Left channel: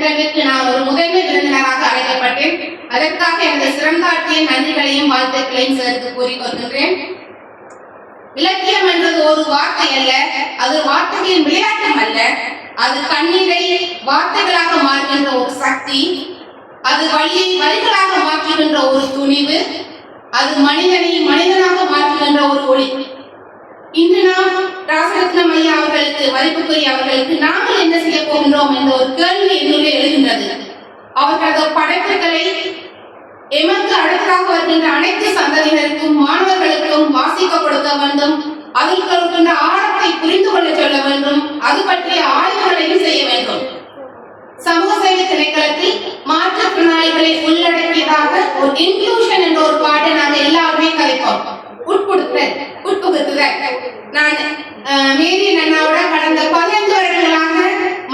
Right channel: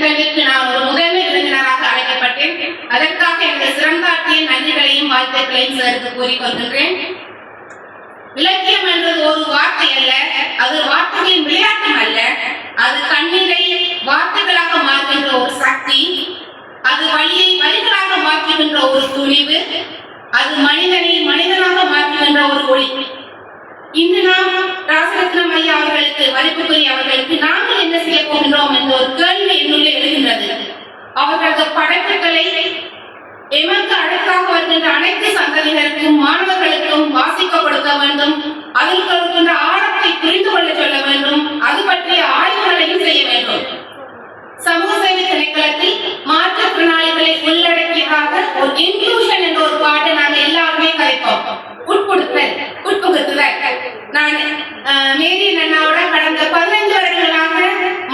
நிகழ்விற்கு நான் ஒரு முதன்மை விருந்தினராக அழைக்கப்பட்டேன். அதற்காக எனது சிறந்தாட்டிய நன்றிகளையும் வாழ்த்துக்களையும் சேர்த்து கூறிக்கொள்கின்றேன். இலக்கியம் என்றது ஒரு வார்த்தை அல்ல, அது வார்த்தைகளின் விளையாட்டும் அல்ல. அது கண்ணீரை வார்த்தைகளாக மாற்றுகின்ற ஒரு சக்தி, அது வழியை வழிகளாக மாற்றுகின்ற ஒரு துணிவு, அது மனிதனை மனிதனாக மாற்றுகின்ற ஒரு ஒளி. இன்று நாம் ராசரத்னம் ஐயா அவர்களுக்கு, மதிப்புக்குரிய அவர்களுக்கு நாங்கள் என்ன செய்ய போகின்றோம் என்ற ஒரு கேள்வி என்னுள்ளே எழுகின்றது. அவர்களது படைப்புகளை எமக்கு அடுத்ததாக வருகின்ற அனைத்து சந்ததியினருக்கும் மாணவர்களுக்கும் வாசிக்க கொடுக்க வேண்டும். அதில் இருக்கின்ற ஆழத்தை புரிந்து கொள்ள சொல்ல வேண்டும். அது பற்றிய ஆய்வுகளையும் செய்ய வேண்டும். சமூக சேவை திணைக்களத்தில் மாற்றுத்திறனாளிகளை உள்ளடக்கியதாக ஒரு இன்க்ளூஷன் என்ற ஒரு பாட்டை நாங்கள் எல்லாருமே கலைப்போம். உட்புகுத்துதல். நான் மேரி அண்ணாவோட கடந்த 15 வருடங்களாக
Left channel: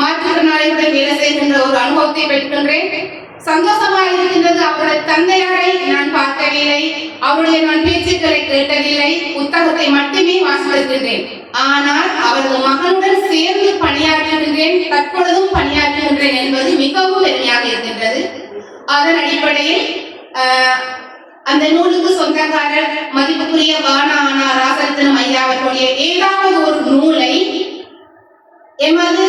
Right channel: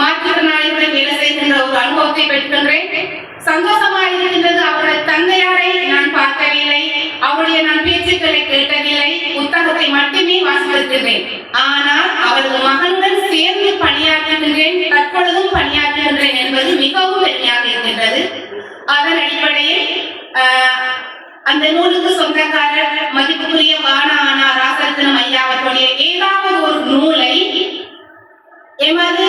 மாற்றுத்திறனாளிகளுடன் வேலை செய்கின்ற ஒரு அனுபவத்தை பெற்றுகின்றேன். சந்தோஷமா இருக்கின்றது. அவரது தந்தையாரை நான் பார்க்கவில்லை, அவருடைய நான் பேச்சுக்களை கேட்டதில்லை, புத்தகத்தை மட்டுமே வாசித்திருக்கின்றேன். ஆனால் அவரது மகனுடன் சேர்ந்து பணியாற்றுகின்றேன், தற்பொழுதும் பணியாற்றுகின்றேன் என்பது மிகவும் பெருமையாக இருக்கின்றது. அதன் அடிப்படையில் அந்த நூலுக்கு சொந்தக்காரர் மதிப்புக்குரிய வானா ராசரத்னம் ஐயா அவர்களுடைய ஏதாவது ஒரு நூலை எமது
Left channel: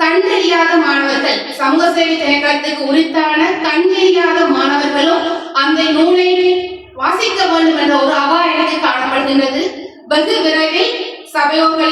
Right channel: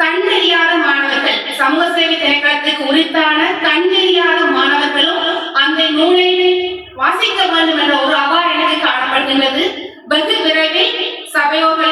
கண்டறியாத மாணவர்கள், சமூக சேவை திணைக்களத்துக்கு உரித்தான கண்டறியாத மாணவர்களும் அந்த நூலை வாசிக்க வேண்டும் என்ற ஒரு அவா எனக்கு காணப்படுகின்றது. வெகு விரைவில் சபையோர்கள்